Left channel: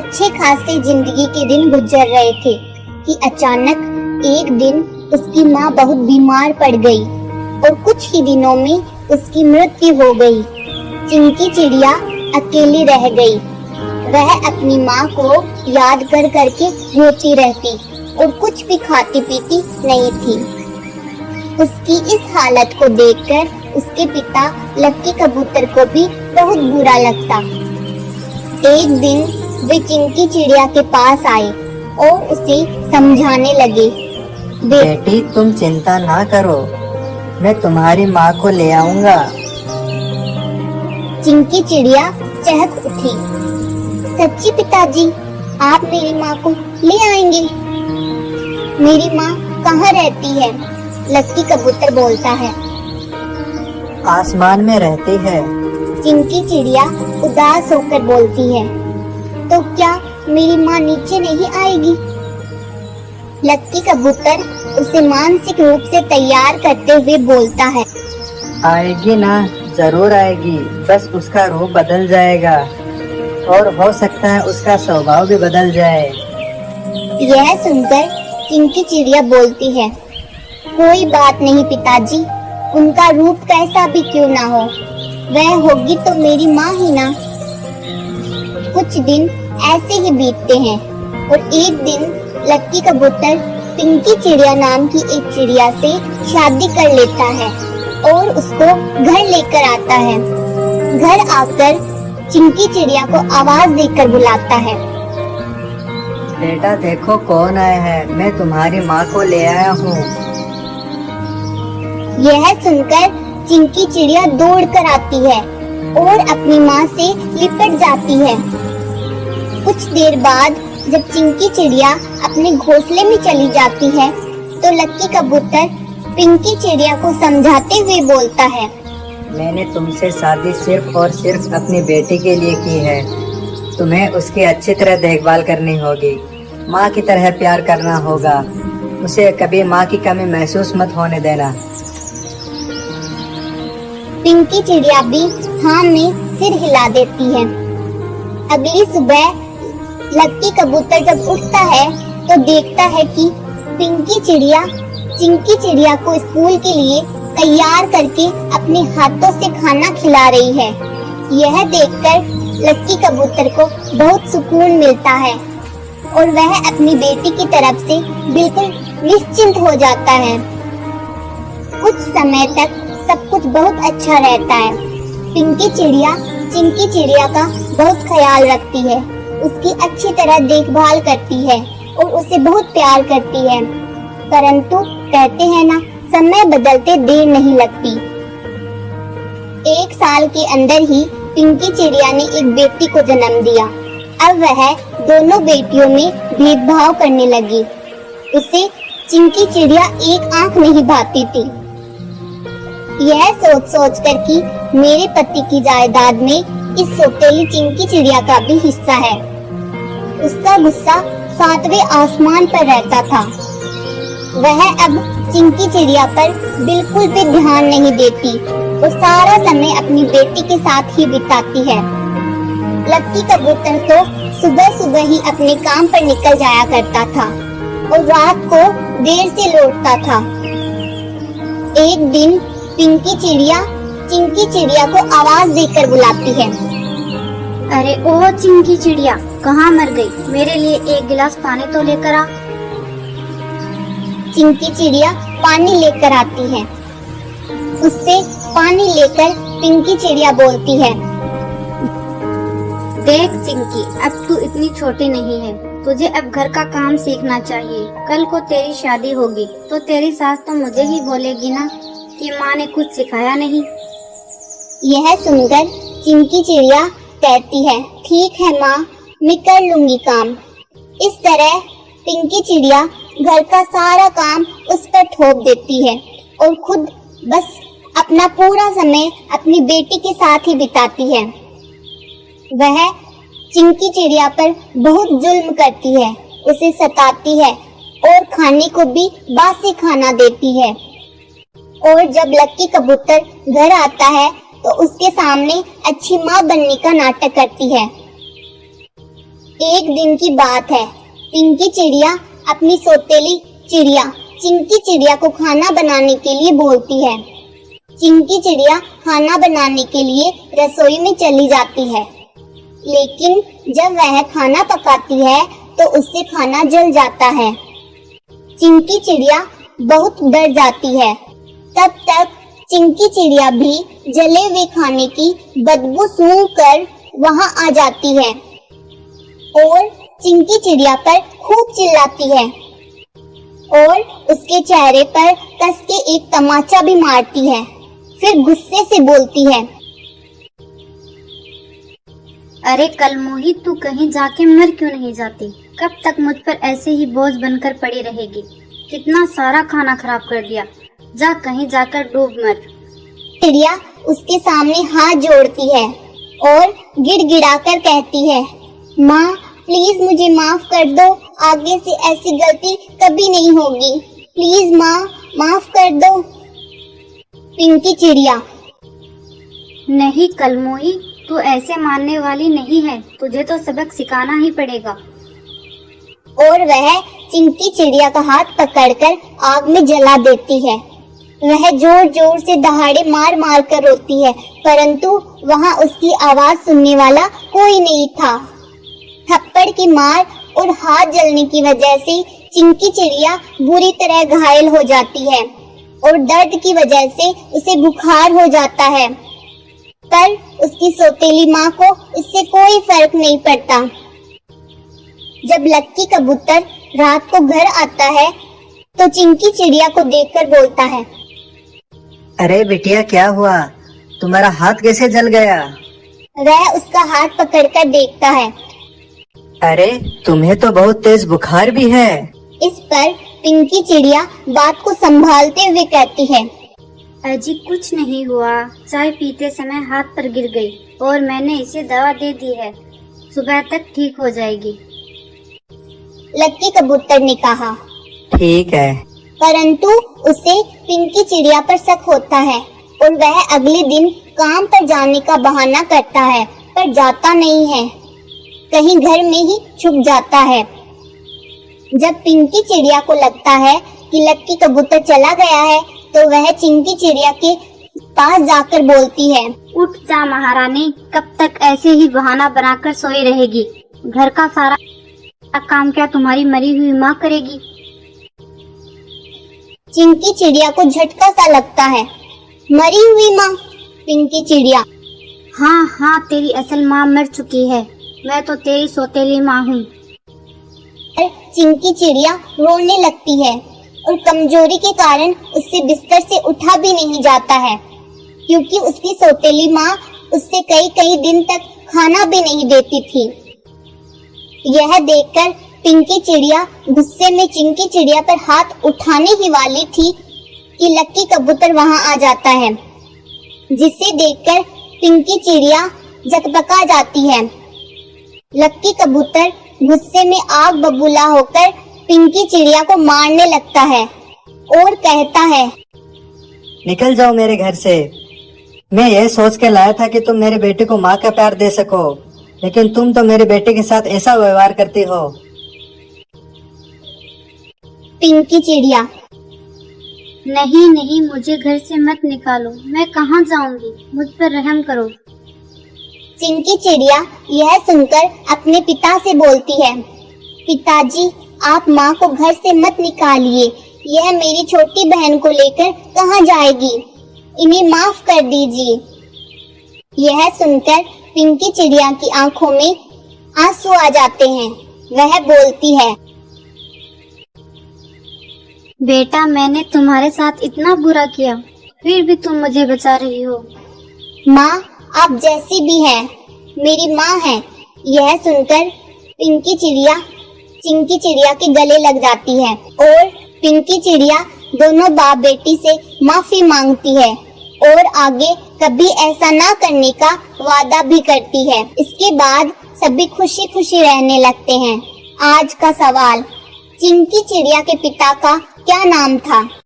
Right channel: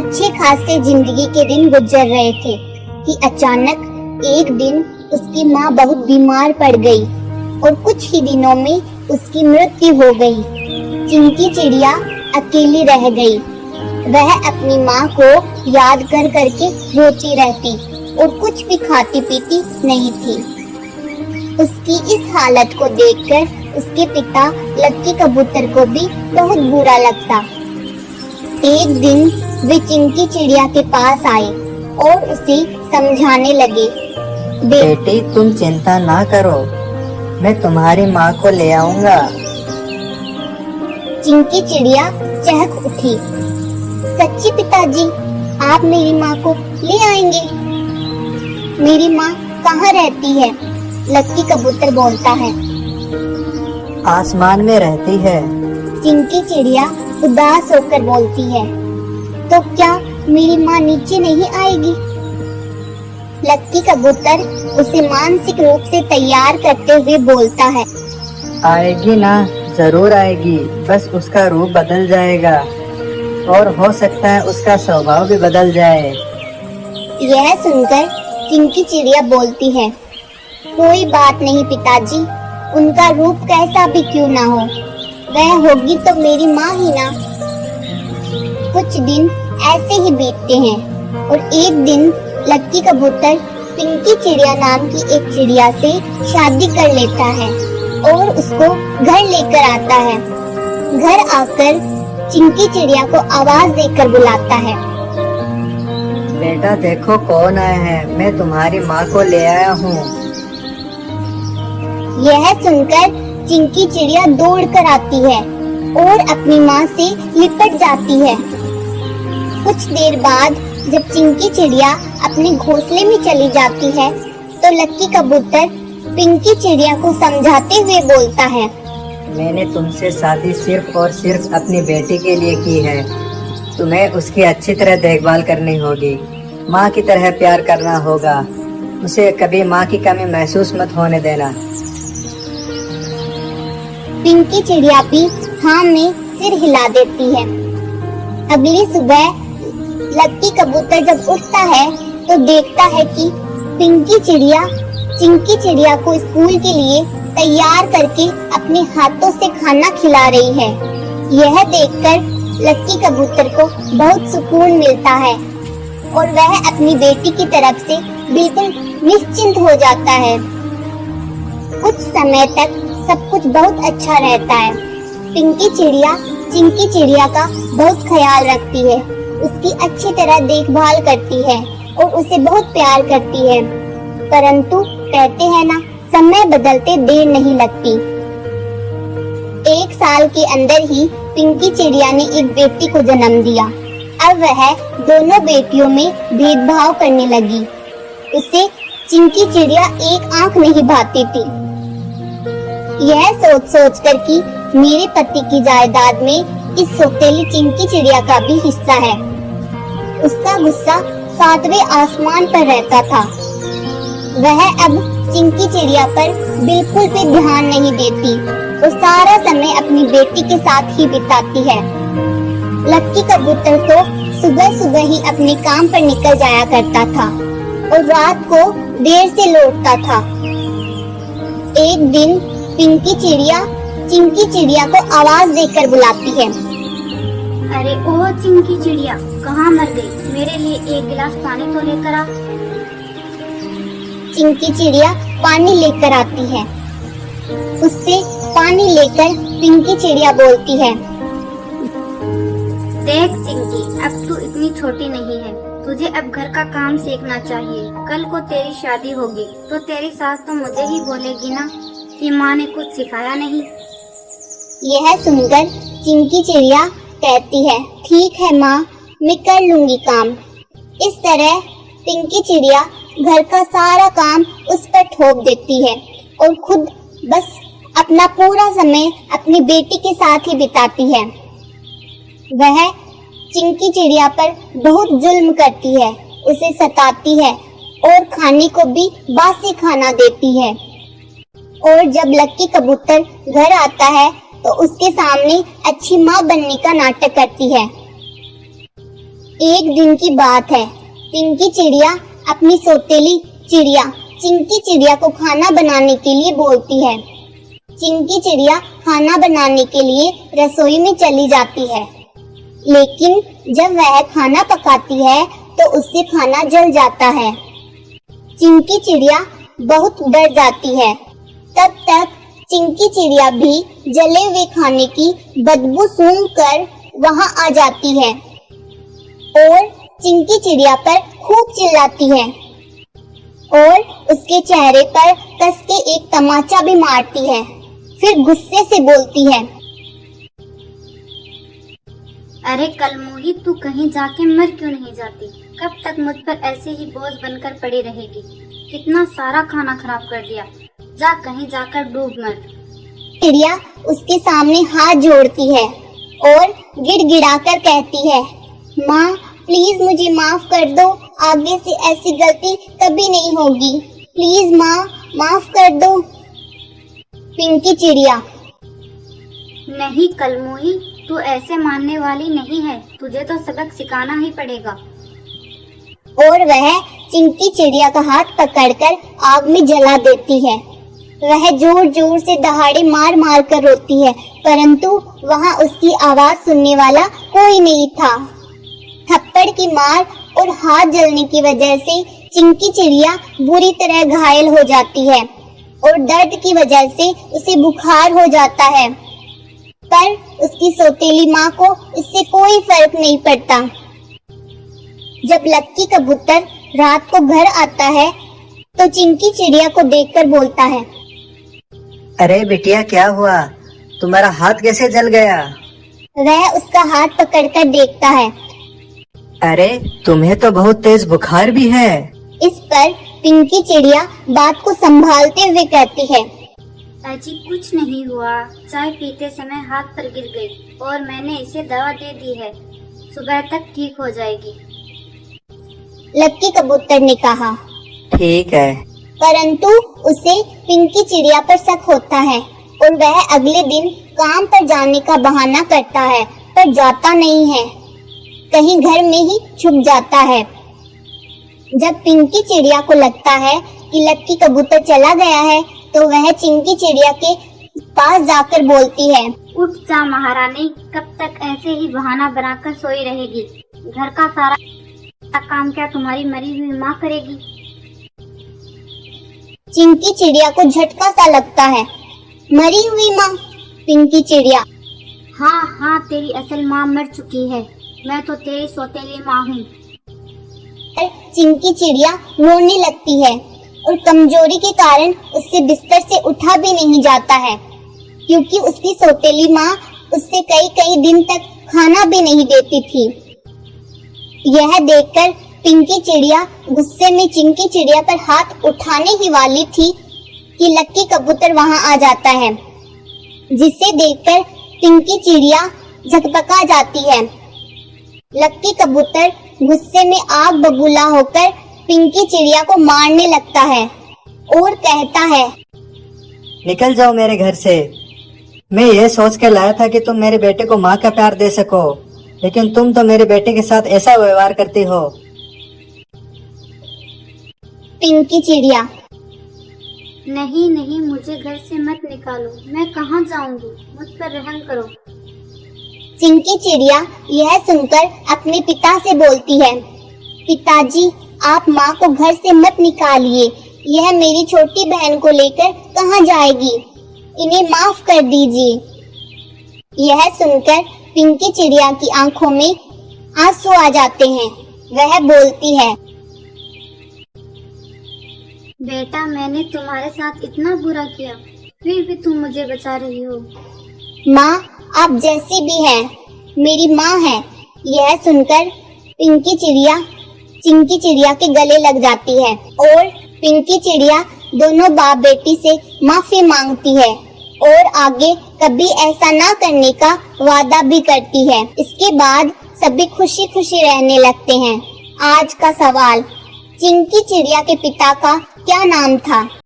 अच्छे खासे जिंदगी के दिन गुजर रहे थे कि अचानक एक दिन उसकी माँ बहुत बीमार पड़ गई और कुछ ही दिनों में उसकी मृत्यु हो गई। चिंकी चिड़िया अकेली रह गई। वह अपनी माँ को याद कर करके रोती रहती और कुछ भी खाती पीती नहीं थी। उसकी इस हालत को देखकर उसके पिता लक्की कबूतर को भी बहुत बुरा लगता। एक दिन वे चिंकी चिड़िया के पास आए और उसे समझाने लगे। बेटी, तुम चिंता ना करो, मैं तुम्हारी माँ को ले आऊंगा। चिंकी चिड़िया चहक उठी। सच्ची पिताजी, आप मेरी माँ को ले आएंगे? मेरी माँ कहाँ रहती है? लक्की कबूतर बोलता है। आसमान में रहती है। चिंकी चिड़िया उदास होकर बोलती है। तो क्या मेरी माँ नीचे नहीं आएगी? लक्की कबूतर उसे मानसिक रूप से तैयार करते हुए बोलता है। आएगी ना, जरूर आएगी, बस उसका रूप बदल जाएगा और हो सकता है उसका स्वभाव भी बदल जाए। यह सुनकर चिंकी चिड़िया बोलती है। कोई बात नहीं पिताजी, उनका रूप कैसा भी क्यों ना हो, वह होगी तो मेरी माँ ही ना। कुछ दिन ऐसे ही बीतते हैं और एक दिन लक्की कबूतर पिंकी चिड़िया नाम की एक चिड़िया से शादी कर लेता है और उसको घर लेकर आता है। घर आकर चिंकी चिड़िया को आवाज देकर बुलाता है। बेटा देखो कौन आया है, मैं तुम्हारी माँ को ले आया हूँ। यह सुनकर चिंकी चिड़िया दौड़ कर आती है और अपनी माँ से लिपट जाती है। कुछ देर बाद जब चिंकी चिड़िया अपने घोंसले में चली जाती है तो लक्की कबूतर पिंकी चिड़िया को समझाते हुए बोलता है। मैंने तुमसे शादी सिर्फ और सिर्फ अपनी बेटी के लिए की है। तुम्हें उसकी अच्छी तरह देखभाल करनी होगी, माँ की तरह प्यार करना होगा, उसे कभी माँ की कमी महसूस मत होने देना। पिंकी चिड़िया भी हाँ में सिर हिला देती है। अगली सुबह लक्की कबूतर जब उठता है तो देखता है कि पिंकी चिड़िया चिंकी चिड़िया को स्कूल के लिए तैयार करके अपने हाथों से खाना खिला रही है। यह देखकर लक्की कबूतर को बहुत सुकून मिलता है और वह अपनी बेटी की तरफ से बिल्कुल निश्चिंत हो जाता है। कुछ समय तक सब कुछ बहुत अच्छा रहता है। पिंकी चिड़िया चिंकी चिड़िया का बहुत ख्याल रखती है, उसकी अच्छी तरह देखभाल करती है और उसे बहुत प्यार करती है। परंतु कहते हैं ना, समय बदलते देर नहीं लगती। एक साल के अंदर ही पिंकी चिड़िया ने एक बेटी को जन्म दिया। अब वह दोनों बेटियों में भेदभाव करने लगी। उसे चिंकी चिड़िया एक आंख नहीं भाती थी। यह सोच सोच कर कि मेरे पति की जायदाद में इस सौतेली चिंकी चिड़िया का भी हिस्सा है, उसका गुस्सा 7वें आसमान पर रहता था। वह अब चिंकी चिड़िया पर बिल्कुल भी ध्यान नहीं देती और सारा समय अपनी बेटी के साथ ही बिताती है। लक्की कबूतर तो सुबह सुबह ही अपने काम पर निकल जाया करता था और रात को देर से लौटता था। एक दिन पिंकी चिड़िया चिंकी चिड़िया को आवाज देकर बुलाती है। अरे ओ चिंकी चिड़िया, कहाँ मर गई? मेरे लिए एक गिलास पानी तो लेकर आ। चिंकी चिड़िया पानी लेकर आती है। उससे पानी लेकर पिंकी चिड़िया बोलती है। देख चिंकी, अब तू इतनी छोटी नहीं है, तुझे अब घर का काम सीखना चाहिए। कल को तेरी शादी होगी तो तेरी सास तो मुझे ही बोलेगी ना कि माँ ने कुछ सिखाया नहीं। यह सुनकर चिंकी चिड़िया कहती है, ठीक है माँ, मैं कर लूंगी काम। इस तरह पिंकी चिड़िया घर का सारा काम उस पर थोप देती है और खुद बस अपना पूरा समय अपनी बेटी के साथ ही बिताती है। वह चिंकी चिड़िया पर बहुत जुल्म करती है, उसे सताती है और खाने को भी बासी खाना देती है। और जब लक्की कबूतर घर आता है तो उसके सामने अच्छी माँ बनने का नाटक करती है। एक दिन की बात है। पिंकी चिड़िया अपनी सौतेली चिड़िया चिंकी चिड़िया को खाना बनाने के लिए बोलती है। चिंकी चिड़िया खाना बनाने के लिए रसोई में चली जाती है, लेकिन जब वह खाना पकाती है तो उससे खाना जल जाता है। चिंकी चिड़िया बहुत डर जाती है। तब तक चिंकी चिड़िया भी जले हुए खाने की बदबू सूंघकर वहां आ जाती है और चिंकी चिड़िया पर खूब चिल्लाती है और उसके चेहरे पर कस के एक तमाचा भी मारती है। फिर गुस्से से बोलती है, अरे कलमोही, तू कहीं जाके मर क्यों नहीं जाती? कब तक मुझ पर ऐसे ही बोझ बनकर पड़ी रहेगी? कितना सारा खाना खराब कर दिया। जा कहीं जाकर डूब मर। चिड़िया उसके सामने हाथ जोड़ती है और गिड़गिड़ाकर कहती है, माँ प्लीज मुझे माफ कर दो, आगे से ऐसी गलती कभी नहीं होगी। प्लीज माँ माफ कर दो। पिंकी चिड़िया, नहीं कलमोही, तू ऐसे मानने वाली नहीं है, तुझे तो सबक सिखाना ही पड़ेगा। और वह चिंकी चिड़िया का हाथ पकड़कर आग में जला देती है। वह जोर जोर से दहाड़े मार मार कर रोती है, परंतु वहाँ उसकी आवाज सुनने वाला कोई नहीं था। थप्पड़ की मार और हाथ जलने की वजह से चिंकी चिड़िया बुरी तरह घायल हो जाती है और दर्द की वजह से उसे बुखार हो जाता है, पर उसकी सौतेली माँ को इससे कोई फर्क नहीं पड़ता। जब लक्की कबूतर रात को घर आता है तो चिंकी चिड़िया को देखकर बोलता है, अरे बिटिया, क्या हुआ? तुम्हारा हाथ कैसे जल गया? वह उसका हाथ पकड़कर देखता है। अरे तुम्हें तो बहुत तेज बुखार भी है। इस पर पिंकी चिड़िया बात को संभालते हुए कहती है, अजी कुछ नहीं हुआ, चाय पीते समय हाथ पर गिर गई और मैंने इसे दवा दे दी है, सुबह तक ठीक हो जाएगी। लक्की कबूतर ने कहा। ठीक है। परंतु उसे पिंकी चिड़िया पर शक होता है और वह अगले दिन काम पर जाने का बहाना करता है, पर जाता नहीं है, कहीं घर में ही छुप जाता है। जब पिंकी चिड़िया को लगता है कि लक्की कबूतर चला गया है तो वह चिंकी चिड़िया के पास जाकर बोलती है, उठ जा महारानी, कब तक ऐसे ही बहाना बनाकर सोई रहेगी? घर का सारा काम क्या तुम्हारी मरी हुई माँ करेगी? चिंकी चिड़िया को झटका सा लगता है। मरी हुई माँ? पिंकी चिड़िया, हाँ हाँ, तेरी असल माँ मर चुकी है, मैं तो तेरी सौतेली माँ हूँ। चिंकी चिड़िया रोने लगती है और कमजोरी के कारण उससे बिस्तर से उठा भी नहीं जाता है, क्योंकि उसकी सौतेली माँ उससे कई कई दिन तक खाना भी नहीं देती थी। यह देखकर पिंकी चिड़िया गुस्से में चिंकी चिड़िया पर हाथ उठाने ही वाली थी कि लक्की कबूतर वहां आ जाता है, जिसे देखकर पिंकी चिड़िया झकपका जाती है। लक्की कबूतर गुस्से में आग बबूला होकर पिंकी चिड़िया को मारने लगता है और कहता है, निकल जाओ मेरे घर से। मैं ये सोच कर लाया था कि तुम मेरे बेटे को माँ का प्यार दे सको, लेकिन तुम तो मेरे बेटे के साथ ऐसा व्यवहार करती हो। पिंकी चिड़िया, नहीं नहीं, मुझे घर से मत निकालो, मैं कहाँ जाऊंगी, मुझ पर रहम करो। चिंकी चिड़िया यह सुनकर अपने पिता से बोलती है, पिताजी आप माँ को घर से मत निकालिए, यह मेरी छोटी बहन को लेकर कहाँ जाएगी, इन्हें माफ कर दीजिए। यह सुनकर पिंकी चिड़िया की आंखों में आंसू आ जाते हैं। वह बोलती है, बेटा मैंने तुम्हारे साथ इतना बुरा किया, फिर भी तुम मुझे बचा रही हो। माँ आप जैसी भी हैं, मेरी माँ है। यह सुनकर पिंकी चिड़िया चिंकी चिड़िया के गले लग जाती है और पिंकी चिड़िया दोनों बाप बेटी से माफी मांगती है और आगे कभी ऐसा ना करने का वादा भी करती है। इसके बाद सभी खुशी खुशी रहने लगते हैं। आज का सवाल, चिंकी चिड़िया के पिता का क्या नाम था?